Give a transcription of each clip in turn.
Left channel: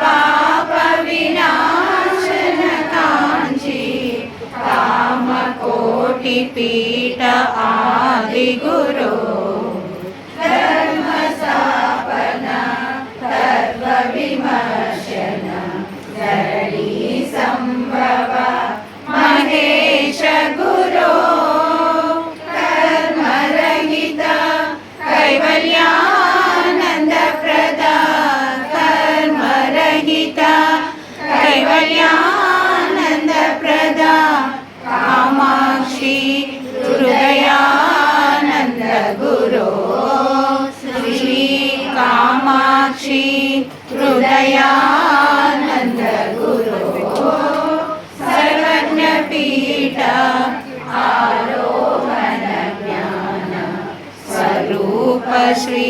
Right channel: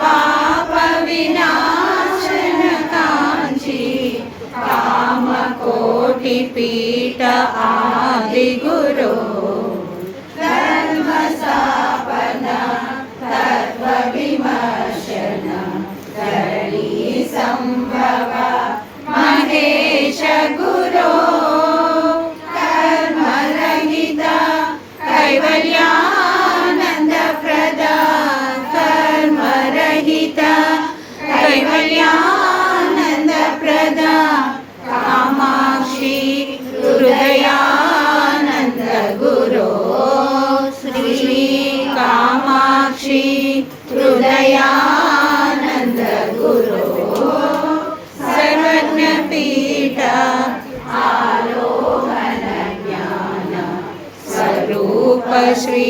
పాప వినాశన కాంచి కామకోటి పీఠ ఆది గురో ధర్మ స్థాపన తత్వ విమర్శన ధరణి సంభవ మహేశ గురో కర్మరహిత కైవల్యానంద ప్రద కర్మరహిత కైవల్యానంద ప్రద కామాక్షి హృదయానంద గురో శ్రీ కామాక్షి హృదయానంద గురో సర్వజ్ఞ పీఠ ఆలోకన జ్ఞాన స్వరూప శ్రీ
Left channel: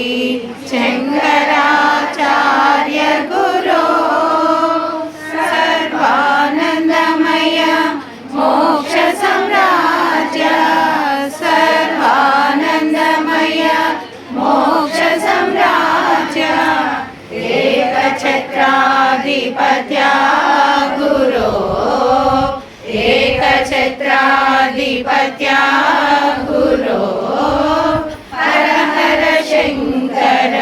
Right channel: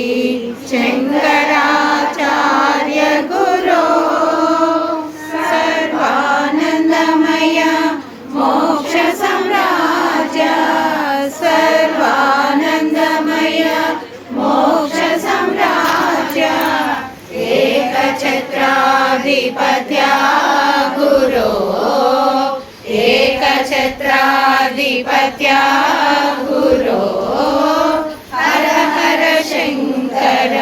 శంకరాచార్య గురో సర్వానందమయ మోక్ష సామ్రాజ్య సర్వానందమయ మోక్ష సామ్రాజ్య ఏకఛత్రాధిపత్య గురో ఏకఛత్రాధిపత్య గురో హర హర శంకర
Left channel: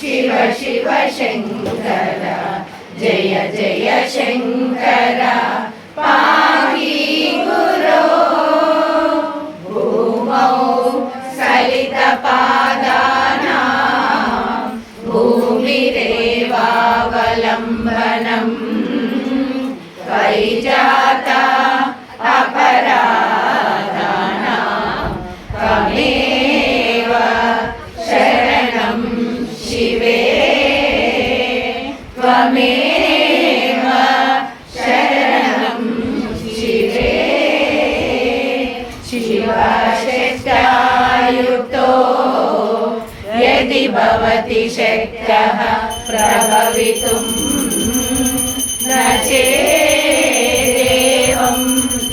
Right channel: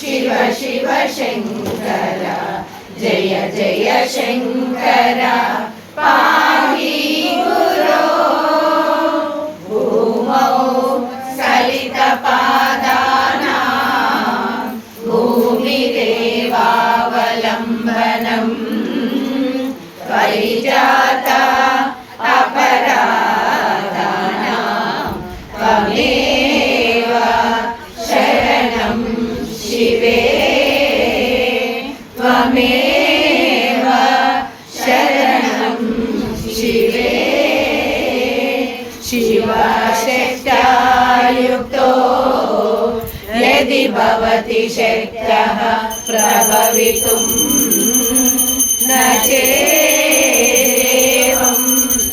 శివ శివ శంకర జయ జయ శంకర పాహి గురో భూమౌ సలిత పాదానాం భూమిరేవావలంబనం పరిజాత అపరాధానాం త్వమేవ శరణం శివే త్వమేవ శరణం శివే శివశక్త్యాయుక్తో యది భవతి శక్తః ప్రభవితుం న చేదేవం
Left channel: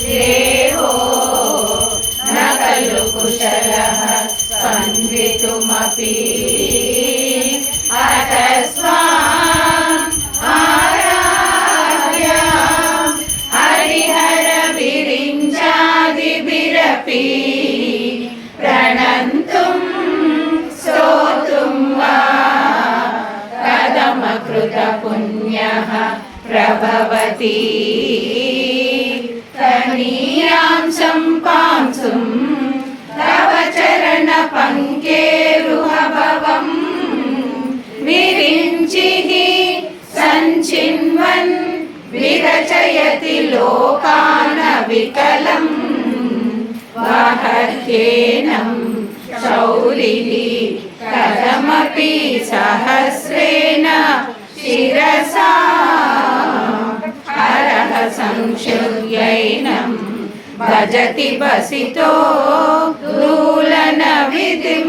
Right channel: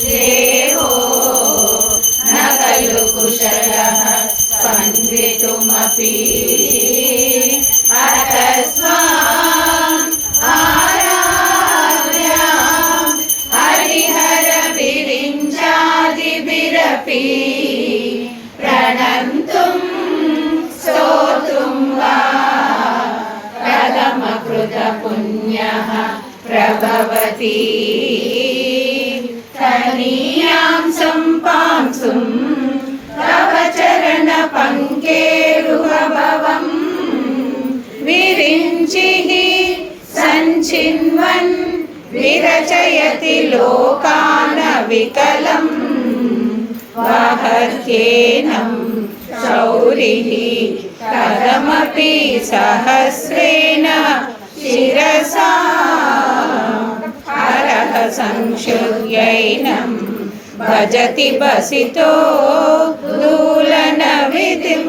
దేవో న ఖలు కుశలః స్పందితుమపి అతస్మాన్ ఆరాధ్యాం హరిహర విరించాదిభిరపి ప్రణంతుం స్తోత్రుం వా కథమకృత పుణ్యః ప్రభవతి తనీయాం సంపాంసుం తవ చరణ పంకేరుహభవం విరించిః సంచిన్వన్ విరచయతి లోకాన వికలం వహత్యేనం శౌరిః కథమపి సహస్రేణ శిరసా హరః సంక్షుభ్యైనం భజతి బసితో దూలన విధిం